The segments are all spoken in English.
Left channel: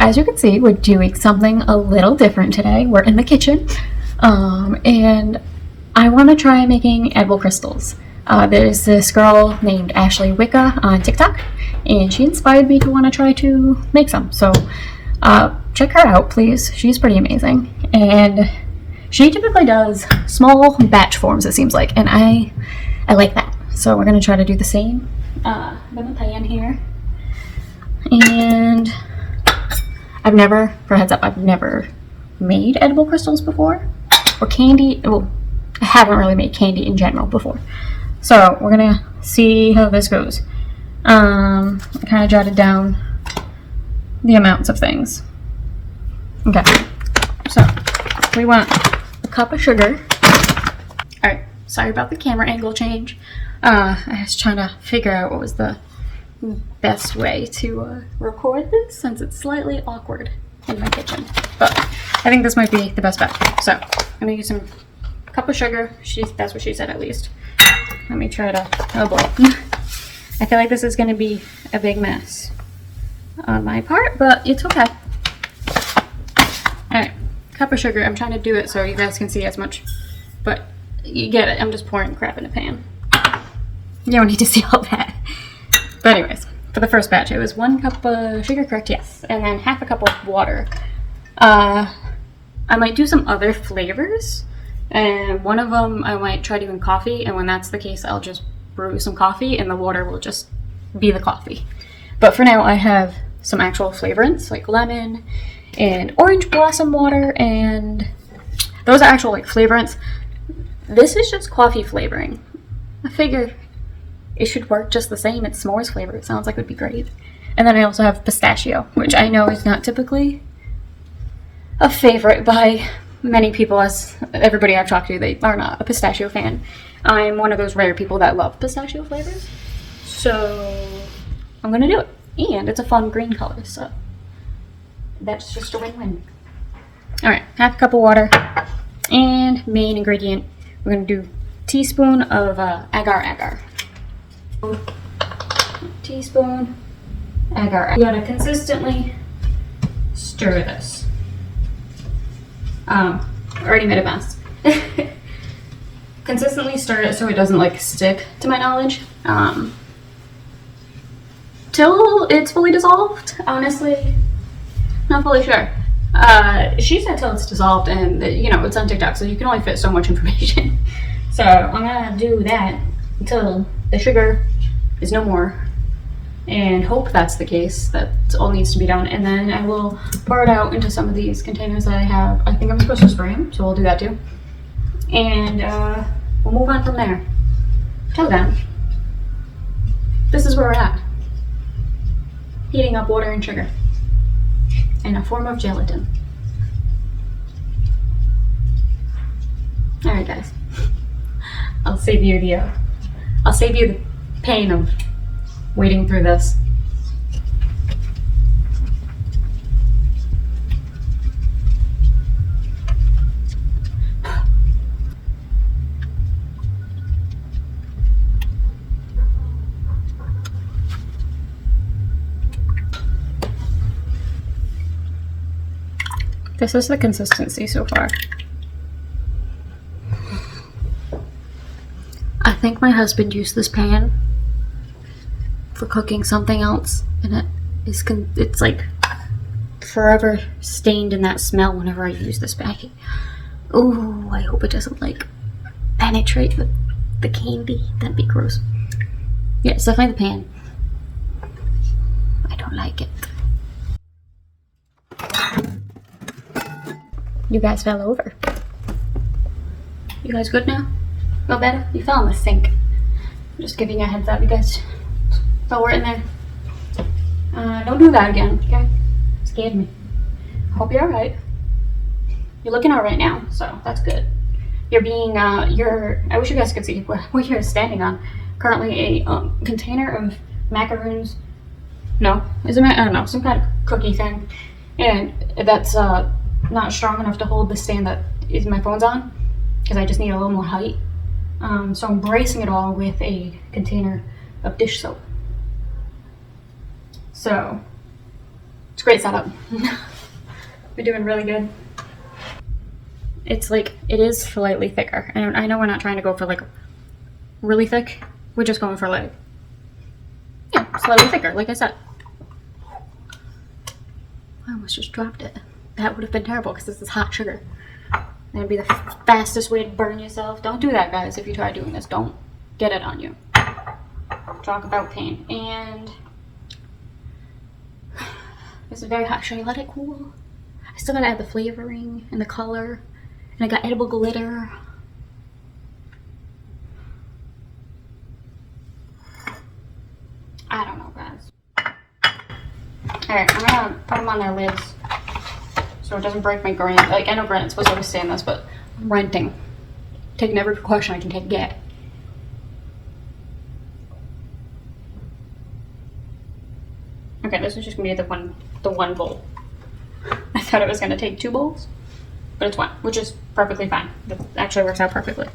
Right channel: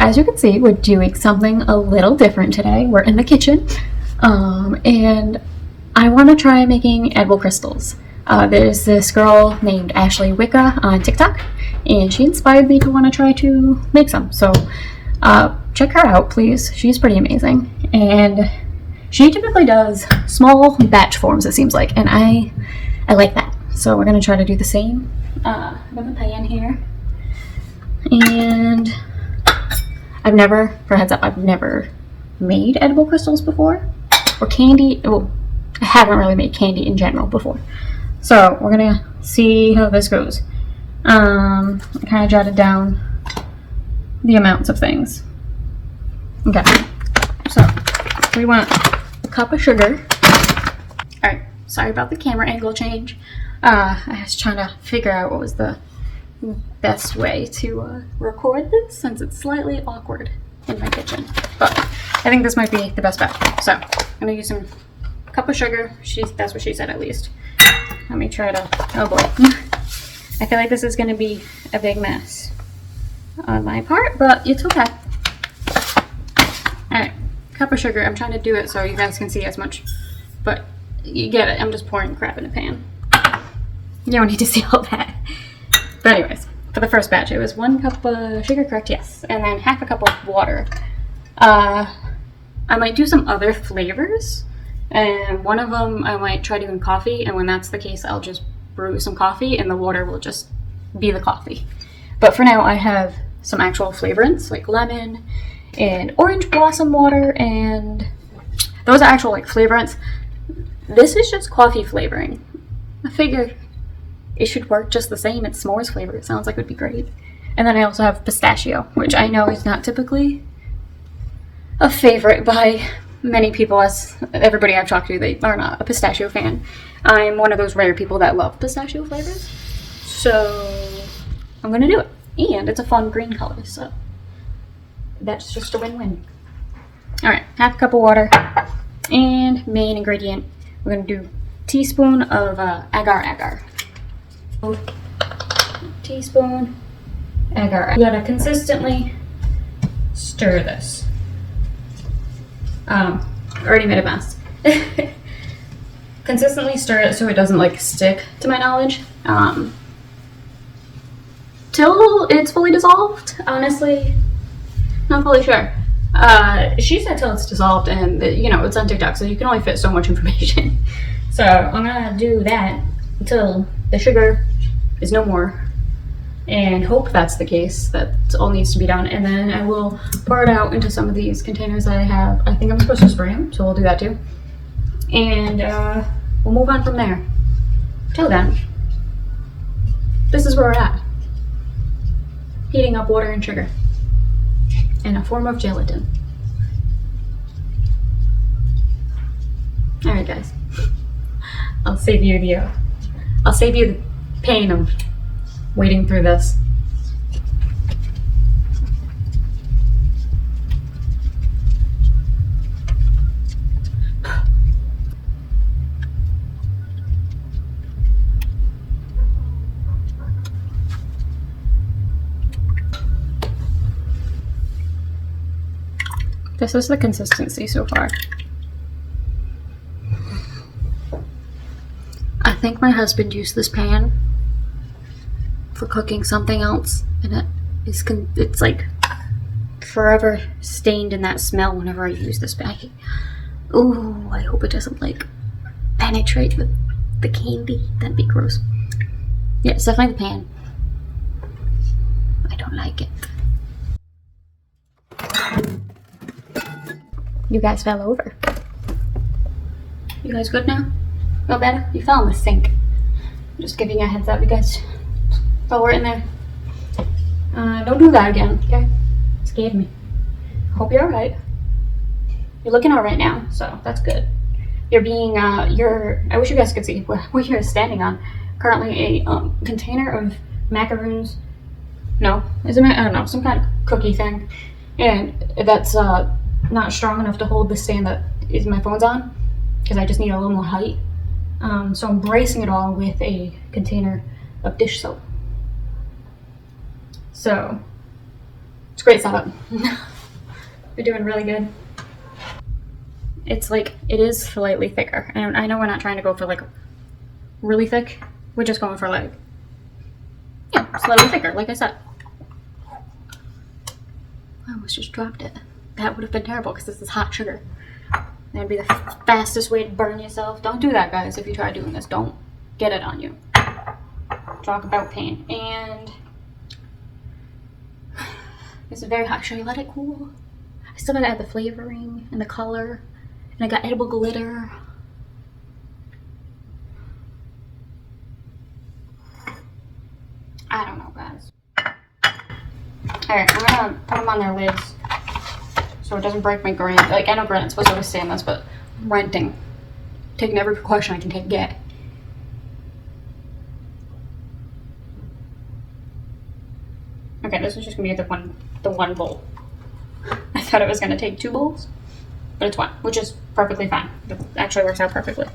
As you can see, we're doing something a little different today. We're in the kitchen, and I want to try making edible crystals. There's this girl named Ashley Wicca on TikTok, and she inspired me to want to try to make some. So check her out, please. She's pretty amazing, and she typically does small batch forms, it seems like, and I like that. So we're gonna try to do the same. Got my pan here, and for a heads up, I've never made edible crystals before, or candy. Well, I haven't really made candy in general before. So we're gonna see how this goes. I kind of jotted down the amounts of things. Okay, so we want a cup of sugar. All right, sorry about the camera angle change. I was trying to figure out what was the best way to record this, since it's slightly awkward in my kitchen, but I think this might be the best bet. So I'm gonna use some cup of sugar. That's what she said, at least. Let me try to, oh boy. I feel like this is gonna be a big mess on my part, but it's okay. All right, cup of sugar. I'm trying to do it so you guys can see as much, but you get it. I'm just pouring crap in a pan. You don't need to see all that. But anyways, for the first batch, it was 1 cup of sugar, correct? Yes. And then half a cup of water. I might do some other flavors, and one of them I might try doing coffee, and when that's the case, I'll just brew some coffee and the water will just be the coffee. But for now, I have some actual flavorants like lemon and orange blossom water, and those are actual like flavorants. This is just coffee flavoring. I figure it should work just the same. It's s'mores flavor. It sounds like it would be great. And then I also have pistachio, which I know is not typically a favorite by many people, as everybody I've talked to, they are not a pistachio fan. I'm one of those rare people that love pistachio flavors. So I'm gonna do it. And it's a fun green color, so that's just a win-win. All right, half a cup of water. And main ingredient, we're gonna do a teaspoon of agar-agar. Teaspoon agar. You gotta consistently stir this. Already made a mess. Consistently stir it so it doesn't like stick, to my knowledge. Till it's fully dissolved. Honestly, not fully sure. She said till it's dissolved, and you know, it's on TikTok, so you can only fit so much information. So I'm gonna do that until the sugar is no more, and hope that's the case. That's all needs to be done, and then I will pour it out into some of these containers that I have. I think I'm supposed to spray them, so we'll do that too, and we'll move on from there. Till then, this is where we're at. Heating up water and sugar in a form of gelatin. All right, guys. I'll save you the pain of wading through this. This is the consistency so far. I think my husband used this pan for cooking something else, and it's like forever stained in that smell whenever I use this bag. Oh, I hope it doesn't like penetrate the candy. That'd be gross. Yeah, it's definitely the pan. I don't like it. You guys fell over. You guys good now? No better? You fell in the sink. I'm just giving you a heads up, you guys fell right in there. Don't do that again, okay? It scared me. Hope you're alright. You're looking alright now, so that's good. You're being, I wish you guys could see what you're standing on. Currently a container of macaroons. No, is it, I don't know, some kind of cookie thing. And that's not strong enough to hold the stand that my phone's on, because I just need a little more height. So I'm bracing it all with a container of dish soap. So it's great setup. We're doing really good. It's like, it is slightly thicker. And I know we're not trying to go for like really thick. We're just going for like, yeah, slightly thicker, like I said. I almost just dropped it. That would have been terrible because this is hot sugar. That'd be the fastest way to burn yourself. Don't do that, guys. If you try doing this, don't get it on you. Talk about pain. And this is very hot. Should I let it cool? I still gotta add the flavoring and the color. And I got edible glitter. I don't know, guys. Alright, I'm gonna put them on their lids so it doesn't break my granite. Like, I know granite's supposed to withstand this, but I'm renting. Taking every precaution I can get. Okay, this is just gonna be the one bowl. I thought it was gonna take 2 bowls, but it's 1, which is perfectly fine. It actually works out perfectly.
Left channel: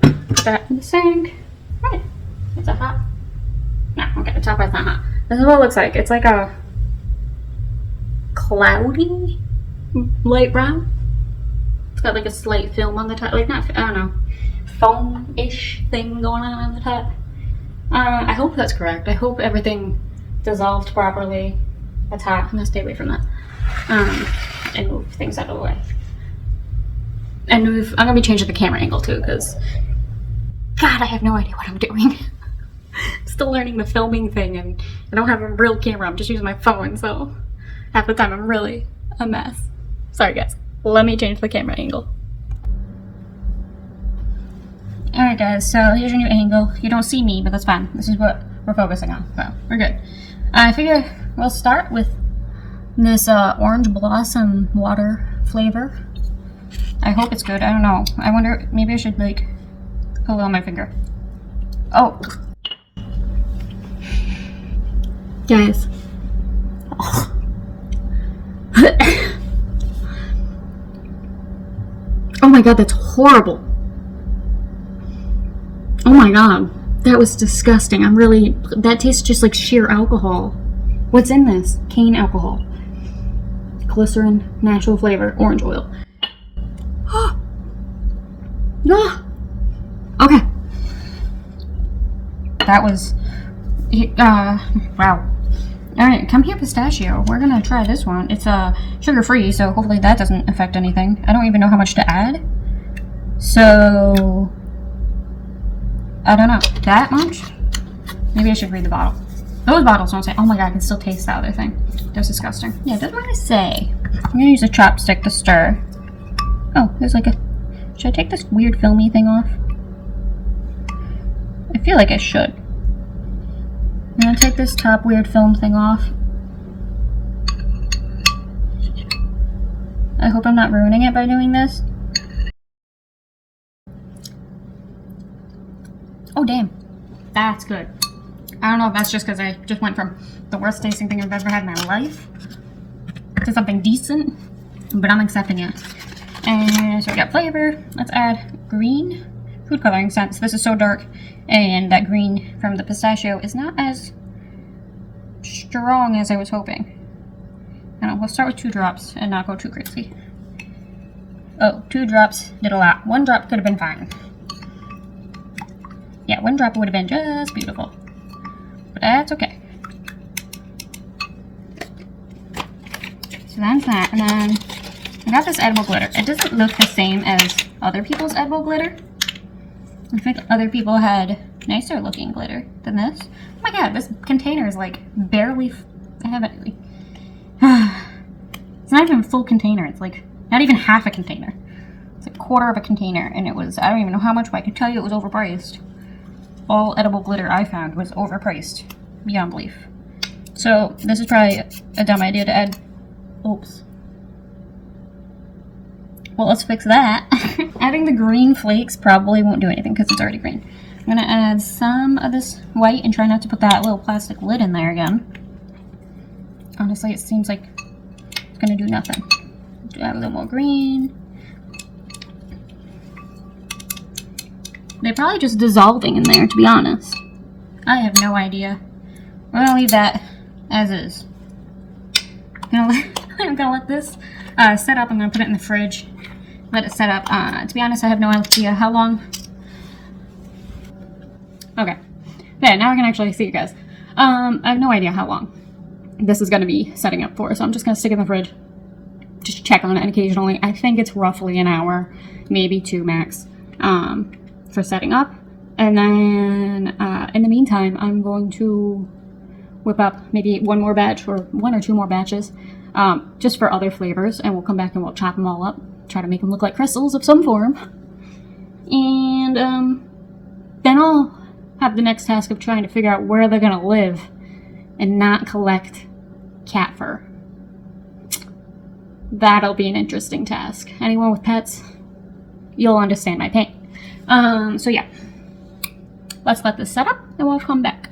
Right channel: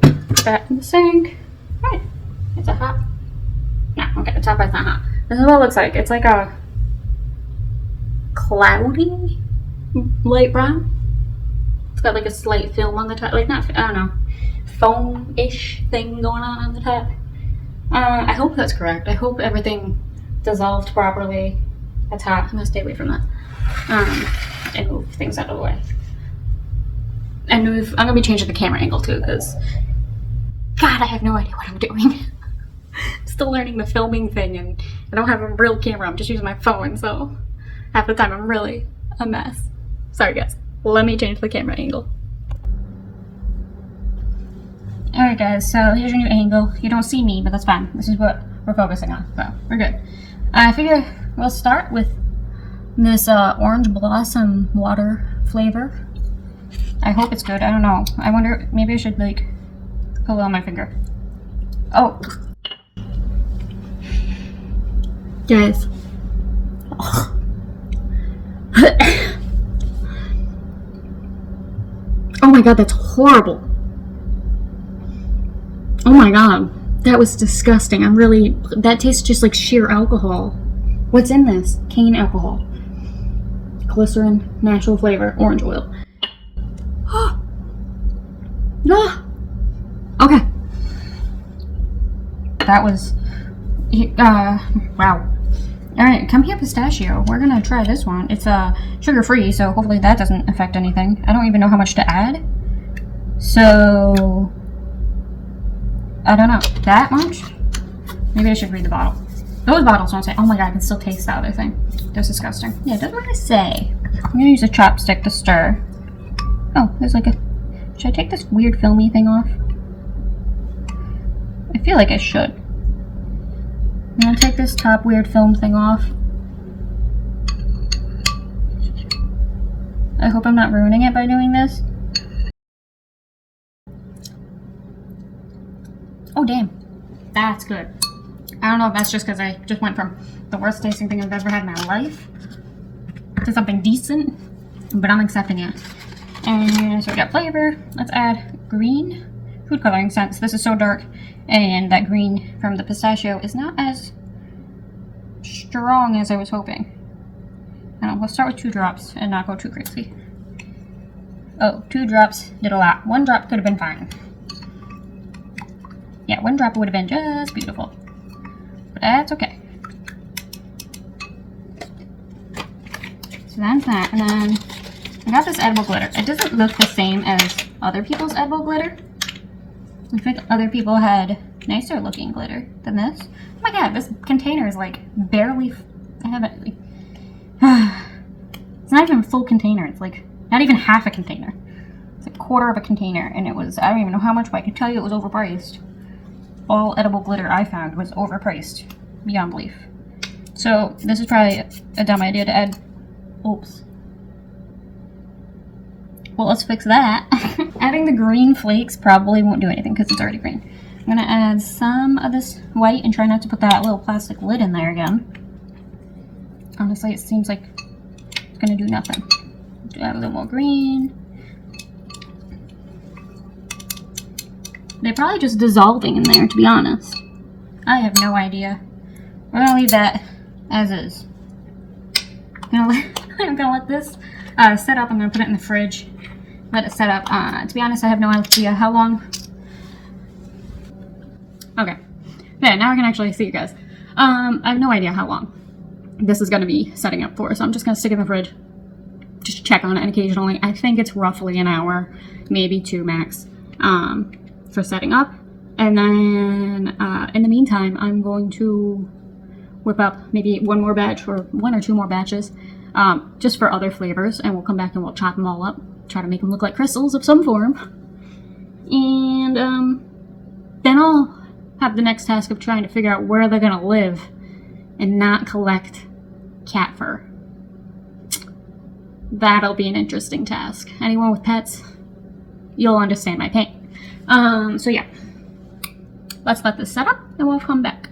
Put that in the sink. Right. Is it hot? No, okay, the top part's not hot. This is what it looks like. It's like a cloudy light brown. It's got like a slight film on the top, like not, I don't know, foam-ish thing going on the top. I hope that's correct. I hope everything dissolved properly. That's hot. I'm gonna stay away from that. And move things out of the way. And I'm gonna be changing the camera angle too, because God, I have no idea what I'm doing. Still learning the filming thing, and I don't have a real camera. I'm just using my phone, so half the time I'm really a mess. Sorry guys. Let me change the camera angle. Alright guys, so here's your new angle. You don't see me, but that's fine. This is what we're focusing on, so we're good. I figure we'll start with this orange blossom water flavor. I hope it's good. I don't know. I wonder, maybe I should like pull on my finger. Oh. Guys. Oh my god, that's horrible. Oh my god, that was disgusting. That tastes just like sheer alcohol. What's in this? Cane alcohol. Glycerin, natural flavor, orange oil. No. Okay. That was, wow. Alright, come here, pistachio. We're gonna try this one. It's sugar-free, so hopefully that doesn't affect anything. I don't even know how much to add. So, I don't know. That much? Maybe I should read the bottle. Those bottles don't say, oh my god, I can still taste the other thing. That's disgusting. Yeah, it doesn't really say. I'm gonna use a chopstick to stir. Oh, there's like a... Should I take this weird filmy thing off? I feel like I should. I'm gonna take this top weird film thing off. I hope I'm not ruining it by doing this. Oh damn, that's good. I don't know if that's just because I just went from the worst tasting thing I've ever had in my life to something decent, but I'm accepting it. And so we got flavor. Let's add green food coloring since this is so dark, and that green from the pistachio is not as strong as I was hoping. I don't know, we'll start with 2 drops and not go too crazy. Oh, 2 drops did a lot. 1 drop could have been fine. Yeah, 1 drop would have been just beautiful. But that's okay. So that's that. And then I got this edible glitter. It doesn't look the same as other people's edible glitter. Looks like other people had nicer looking glitter than this. Oh my god, this container is like barely... I have it. It's not even a full container. It's like not even half a container. It's a quarter of a container, and it was, I don't even know how much, but I can tell you it was overpriced. All edible glitter I found was overpriced beyond belief. So this is probably a dumb idea to add. Oops. Well, let's fix that. Adding the green flakes probably won't do anything because it's already green. I'm gonna add some of this white and try not to put that little plastic lid in there again. Honestly, it seems like it's gonna do nothing. Do add a little more green. They're probably just dissolving in there, to be honest. I have no idea. We're gonna leave that as is. I'm gonna let this set up. I'm gonna put it in the fridge. Let it set up. To be honest, I have no idea how long. Okay. Yeah, now I can actually see you guys. I have no idea how long this is gonna be setting up for, so I'm just gonna stick it in the fridge. Just check on it occasionally. I think it's roughly an hour, maybe 2 max, for setting up. And then in the meantime, I'm going to whip up maybe 1 more batch or 1 or 2 more batches, just for other flavors, and we'll come back and we'll chop them all up, try to make them look like crystals of some form. And then I'll have the next task of trying to figure out where they're gonna live and not collect cat fur. That'll be an interesting task. Anyone with pets, you'll understand my pain. So yeah, let's let this set up and we'll come back.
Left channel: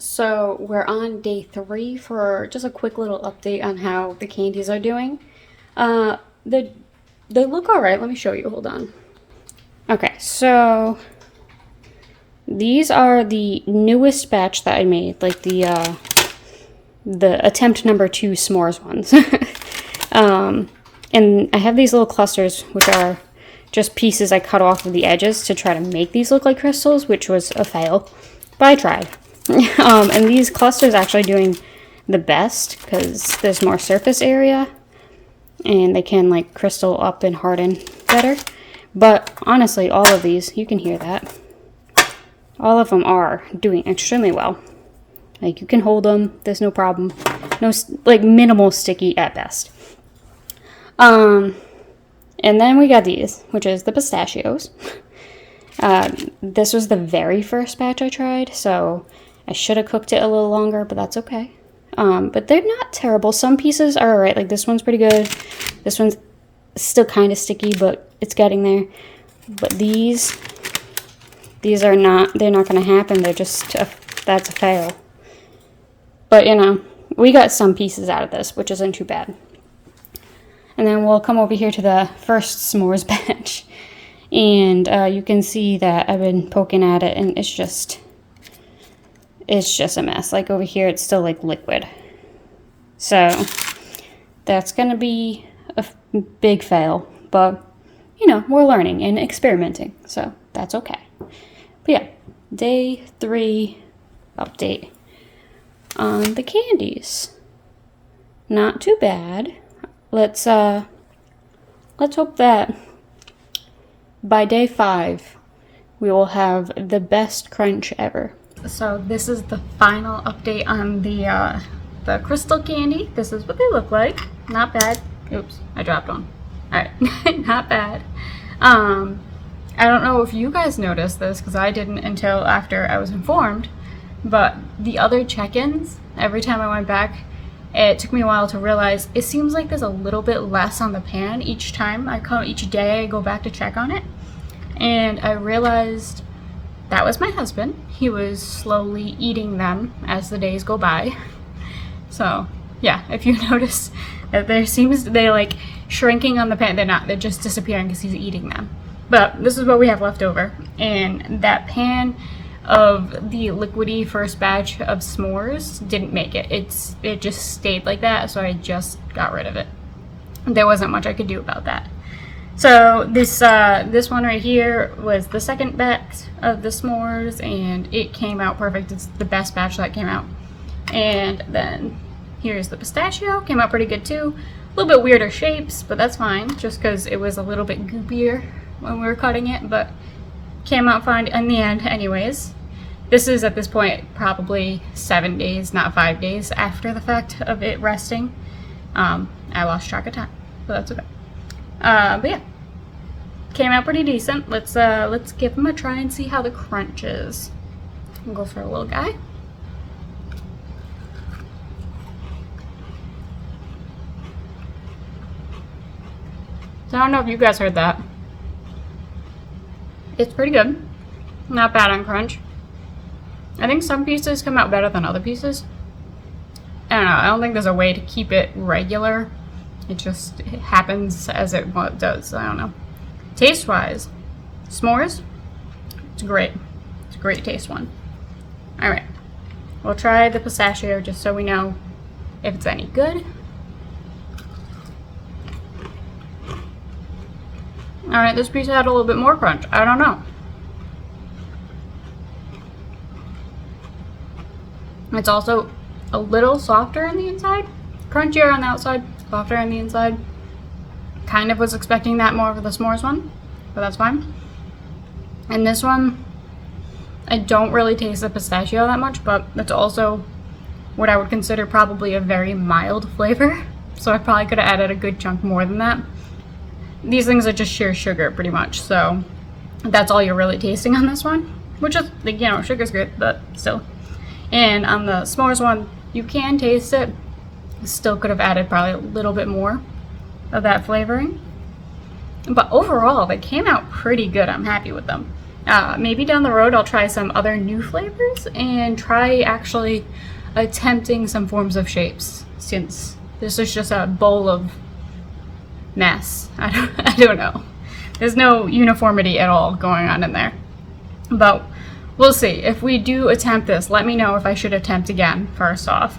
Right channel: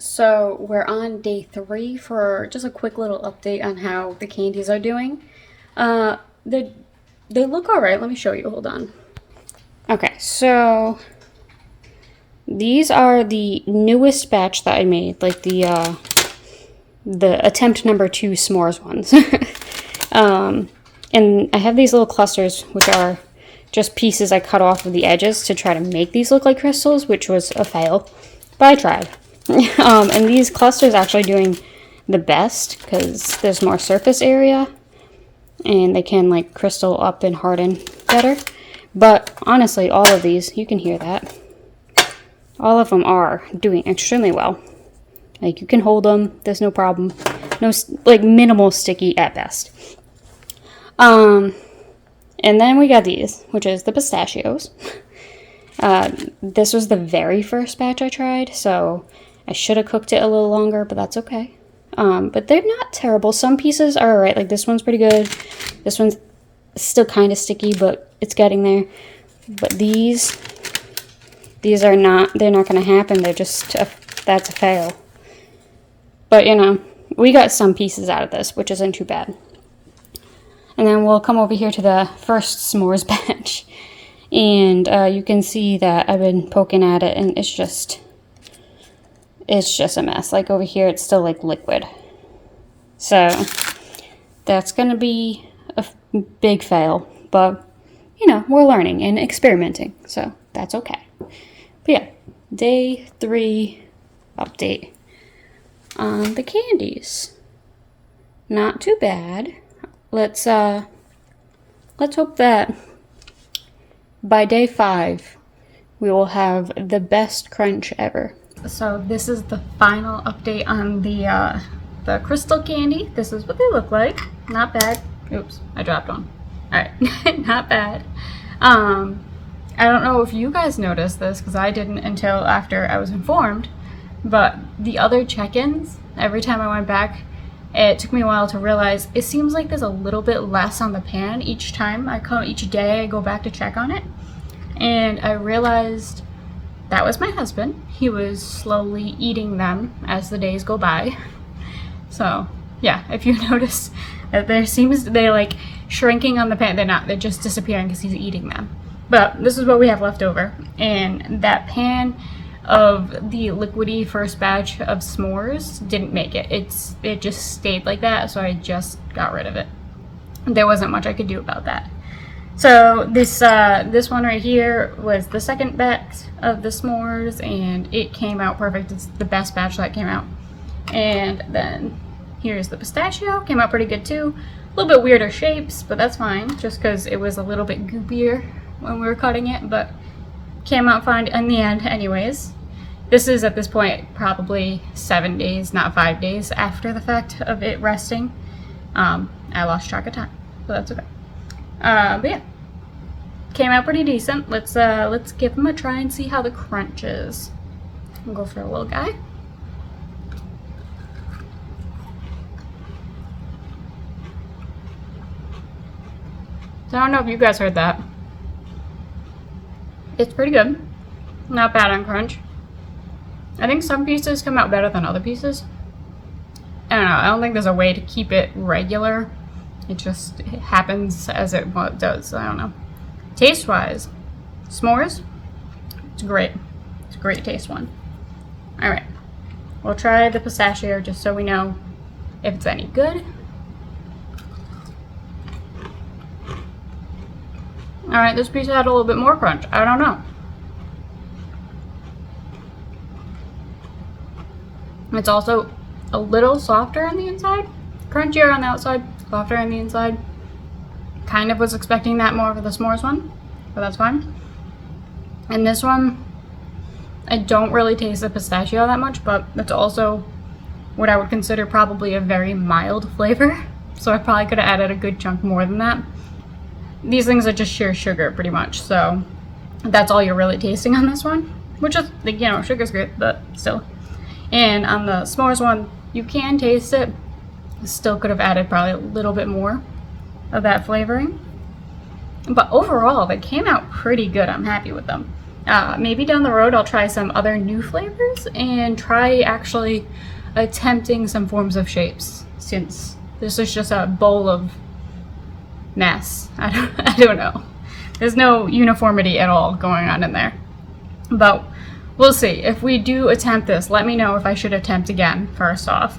So we're on day 3 for just a quick little update on how the candies are doing. They look all right. Let me show you. Hold on. Okay, so these are the newest batch that I made, like the attempt number 2 s'mores ones. And I have these little clusters, which are just pieces I cut off of the edges to try to make these look like crystals, which was a fail, but I tried. And these clusters actually doing the best because there's more surface area and they can like crystal up and harden better. But honestly, all of these, you can hear that, all of them are doing extremely well. Like, you can hold them, there's no problem. No, like, minimal sticky at best. And then we got these, which is the pistachios. This was the very first batch I tried, so I should have cooked it a little longer, but that's okay. But they're not terrible. Some pieces are alright, like this one's pretty good. This one's still kind of sticky, but it's getting there. But these are not, they're not going to happen. They're just, that's a fail. But, you know, we got some pieces out of this, which isn't too bad. And then we'll come over here to the first s'mores batch. And you can see that I've been poking at it, and it's just a mess. Like, over here, it's still, like, liquid. So, that's going to be a big fail. But, you know, we're learning and experimenting. So, that's okay. But, yeah, day 3 update on the candies. Not too bad. Let's hope that by day 5 we will have the best crunch ever. So this is the final update on the crystal candy. This is what they look like. Not bad. Oops, I dropped one. All right, not bad. I don't know if you guys noticed this because I didn't until after I was informed, but the other check-ins, every time I went back, it took me a while to realize it seems like there's a little bit less on the pan each time each day I go back to check on it. And I realized that was my husband. He was slowly eating them as the days go by. So yeah, if you notice that they're like shrinking on the pan, they're not, they're just disappearing because he's eating them. But this is what we have left over. And that pan of the liquidy first batch of s'mores didn't make it. It just stayed like that, so I just got rid of it. There wasn't much I could do about that. So this one right here was the second batch of the s'mores, and it came out perfect. It's the best batch that came out. And then here's the pistachio, came out pretty good too. A little bit weirder shapes, but that's fine, just because it was a little bit goopier when we were cutting it, but came out fine in the end anyways. This is, at this point, probably 7 days, not 5 days after the fact of it resting. I lost track of time, but that's okay. But yeah, came out pretty decent. Let's give them a try and see how the crunch is. I'll go for a little guy. So I don't know if you guys heard that. It's pretty good. Not bad on crunch. I think some pieces come out better than other pieces. I don't know. I don't think there's a way to keep it regular. It just happens as it does. I don't know. Taste-wise, s'mores, it's great. It's a great taste one. All right. We'll try the pistachio just so we know if it's any good. All right, this piece had a little bit more crunch. I don't know. It's also a little softer on the inside, crunchier on the outside, softer on the inside. Kind of was expecting that more for the s'mores one, but that's fine. And this one, I don't really taste the pistachio that much, but it's also what I would consider probably a very mild flavor. So I probably could have added a good chunk more than that. These things are just sheer sugar pretty much, so that's all you're really tasting on this one, which is, you know, sugar's good, but still. And on the s'mores one, you can taste it. Still could have added probably a little bit more of that flavoring. But overall, they came out pretty good. I'm happy with them. Maybe down the road, I'll try some other new flavors and try actually attempting some forms of shapes, since this is just a bowl of mess. I don't know. There's no uniformity at all going on in there. But we'll see. If we do attempt this, let me know if I should attempt again, first off.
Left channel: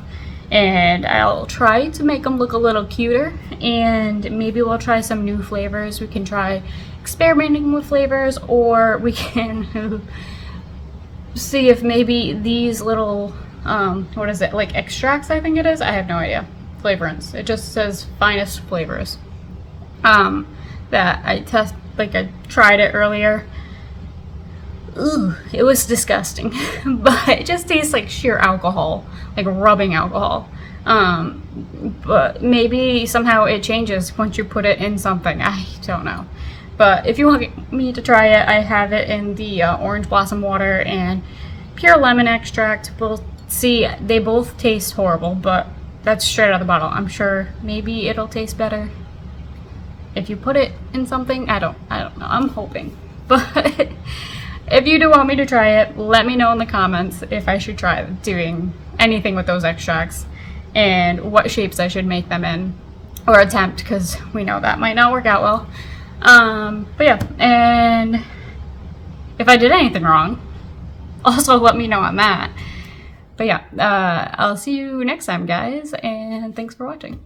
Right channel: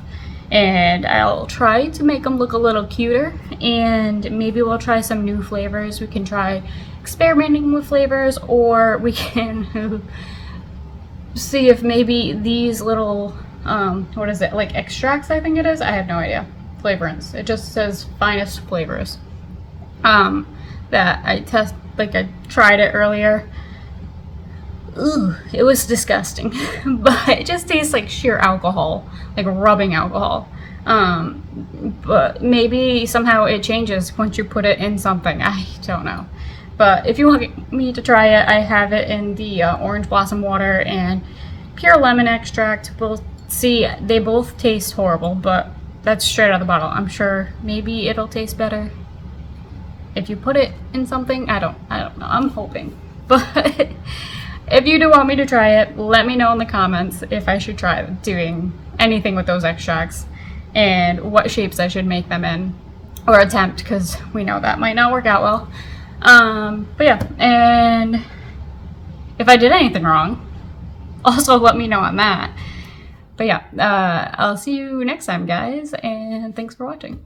And I'll try to make them look a little cuter, and maybe we'll try some new flavors. We can try experimenting with flavors, or we can see if maybe these little, what is it, like extracts, I think it is? I have no idea. Flavorants. It just says finest flavors. That I tried it earlier. Ooh, it was disgusting. But it just tastes like sheer alcohol, like rubbing alcohol. But maybe somehow it changes once you put it in something. I don't know. But if you want me to try it, I have it in the orange blossom water and pure lemon extract. We'll see. They both taste horrible, but that's straight out of the bottle. I'm sure maybe it'll taste better if you put it in something. I don't know. I'm hoping. But if you do want me to try it, let me know in the comments if I should try doing anything with those extracts and what shapes I should make them in, or attempt, because we know that might not work out well. But yeah, and if I did anything wrong, also let me know on that. But yeah, I'll see you next time, guys, and thanks for watching.